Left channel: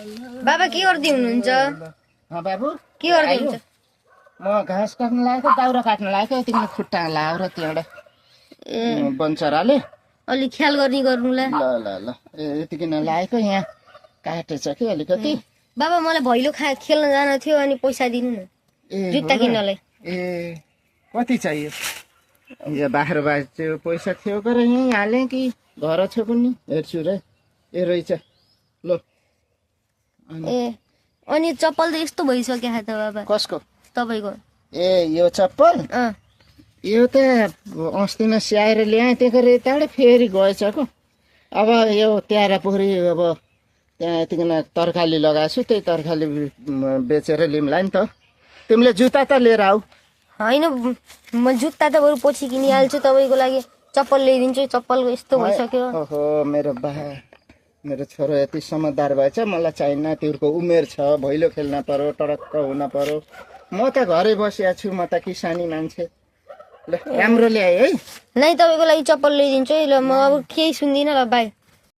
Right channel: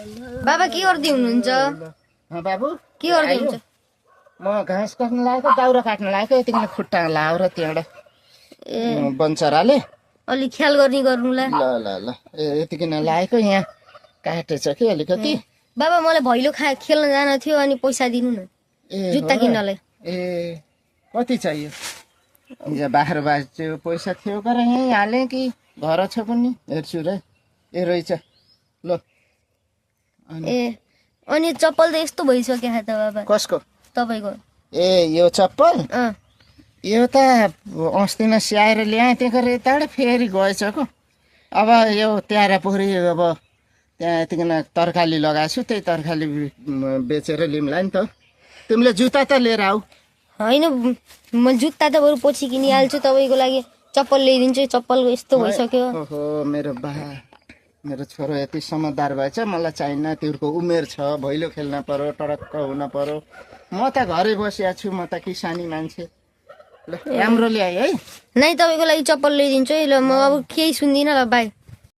बाबा के गर्दै हुनुहुन्छ? बाबु के गर्दै हुनुहुन्छ? म घाँस काट्न लागेको दाउरा काट्न लागेको यतिखेर खुट्टा लाएर त्यहाँबाट बन्चराले अलि ख्याल गर्नुला। ल ल ल यतिकिन लागेको यहाँ काटेछ कि अलिकति। बाबा मलाई भैलो खेल्न जान थियो अनि पैसा दिनु न जुत्ता किन्नलाई। ए कति चाहियो? यो बाख्रो बाजु पैसा थियो तर यहीँ हालेँ कि घर छ पनि हेर्छु र। ए रहेछ ल। ए अनि चप्पल त यस्तो भइसक्यो त बाबा। कसको? तपाईको। ए यो चप्पल यो त अस्ति नै स्याएर ल्याएँ त्यही गरेर यताबाट फेरि गएछ को। अब यो त्यारा पोखरी अब त्यहाँ यतिकन तरकारी लगाएको छु त्यही तरकारी बेचेर लिउँला नि त। तिमीले जुत्ता त लिएर आऊ। होइन म जुत्ता त बरु पछि किनिहाल्छु तपाईँको लागि चप्पल ल्याइदिन्छु। चप्पलको यस्तो भइसक्यो। ओहो मेरो छोरो यति समझदार भएछ मलाई चाहिन्न। तिम्रो उमेर छ भैलो खेल्न पर्यो टडक्क हुन पर्यो। म त घरै बसिया छु म त किसानी मान्छे। ल राम्रो ल्याए है। नै तपाईँको लागि चप्पल ल्याइदिन्छु है। ल म अब केही सुन्दिनँ ल बाई।